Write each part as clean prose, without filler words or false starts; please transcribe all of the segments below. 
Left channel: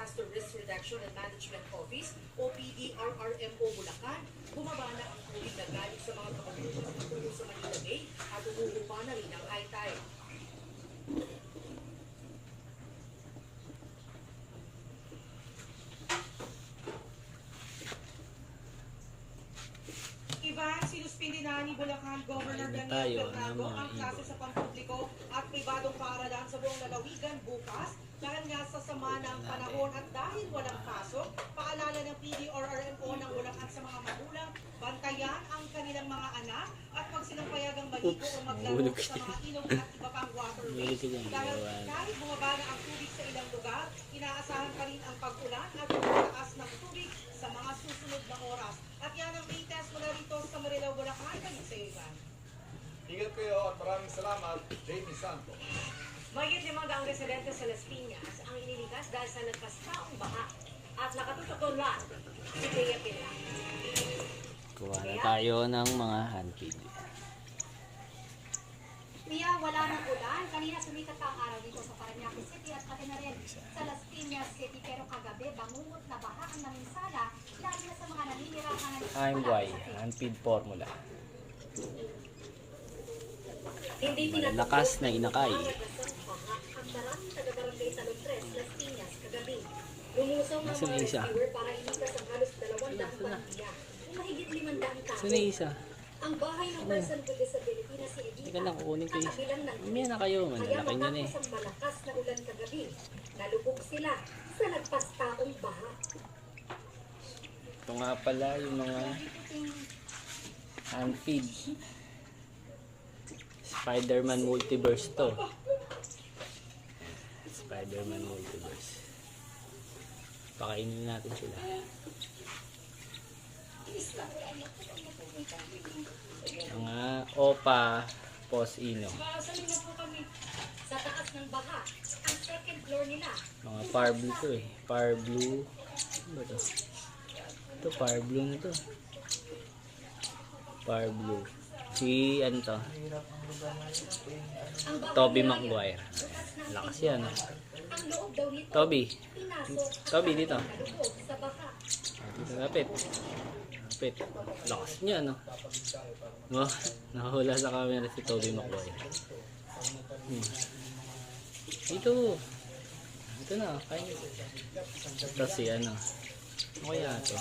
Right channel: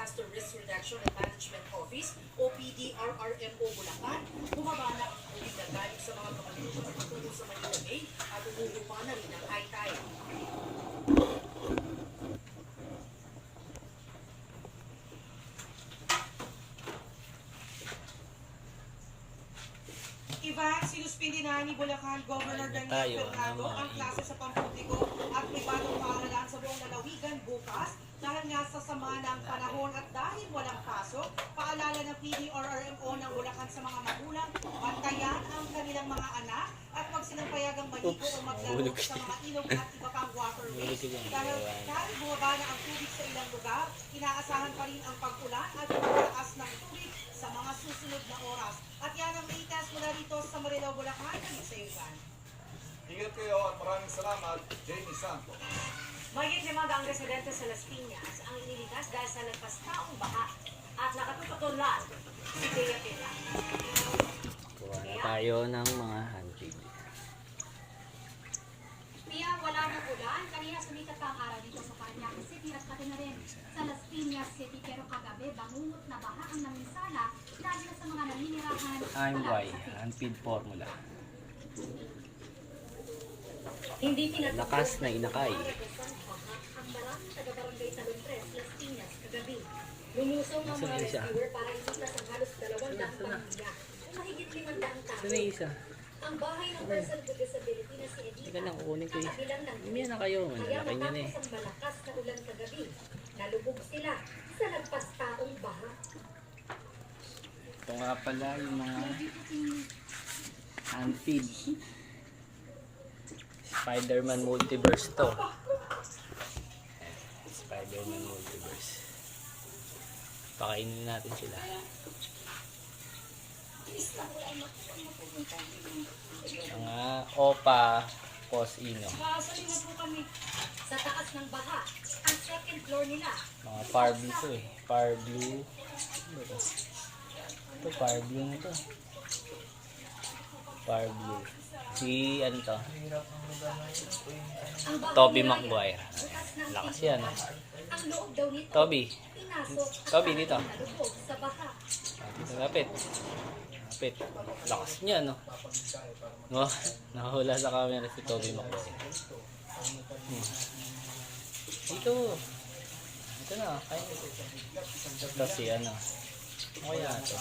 Disaster Risk Reduction and Management Office o PDRRMO Bulacan, bumaba na ang tubig na galing sa mga communities patungo sa Manila Bay at umuupa na rin ang high tide. Ivan, sinuspindi na ni Bulacan Governor Daniel Fernando ang klase sa pampubliko at pribadong paaralan sa buong lalawigan bukas dahil nga sa sama ng panahon at dahil walang pasok. Paalala ng PDRRMO ng Bulacan sa mga magulang, bantayan ang kanilang mga anak at huwag silang payagang maligo o maglaro sa mga ilog at iba pang waterways. Dahil bumaba na ang tubig sa ilang lugar, inaasahan pa rin ang pag-ulan at pagtaas ng tubig sa mga susunod na oras. At yan ang latest mula dito sa Marilao, Bulacan. Kami sa Ivan. Ingat kayo at maraming salamat, Jamie Santos. Mahigit 5 ang residente sa Las Piñas ang inilikas dahil sa nagpastaong baha at nakatutok lang si Bea Pila. Kuha na tayo ng mga handpid. Pia, wala ng ulan. Kanina sumikat pa ang araw dito sa Parañaque City at pati na rin sa Las Piñas City. Pero kagabi, bangungot na baha ang naminsala dahil na sa mga naninirahan. IMY, handpid formula. Hindi Lakas na inakay. ang maraming taga-barangay sa Lundres, Las Piñas, kagabi. Lumusong ang Nasaan mga yung isa? rescuer para iligtas ang halos 200 pamilya. Kung mahigit 500 tao. Saan na yung isa? Ang bahay ng person with disability na si Edita. Teka lang, kukunin ko yung isa. Kabilang ng Umaya na kayo, manlalaki nyo na eh. Kaya malakas na ulan kagabi, nalubog sila sa nagpastaong baha. Ito nga pala yung mga handpid. Spider-Man Multiverse to. Spider-Man Multiverse. Pakainin natin sila. Mga opa posino. Kaasamin na po kami sa taas ng baha. Ang second floor nila. Mga par blue to eh. Par blue. Ano ba to? Ito par blue nito. Par blue. Si ano to? Toby Maguire. Lakas yan. Ang loob daw nito, Toby. pinasok at Toby dito. nalubog sa baha. Dito lapit. Lapit. Lakas niya no. Oh, nahula sa camera si Toby Maguire. Dito. Ito na. Kaya. Ito si ano. Okay natin.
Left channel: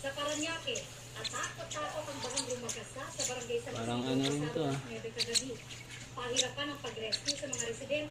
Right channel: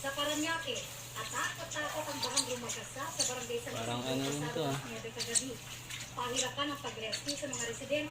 Sa Parañaque, atakot-takot ang bahang lumagasa sa barangay sa Parang ano to. Kagabi. Pahirapan ang pag-rescue sa mga residente.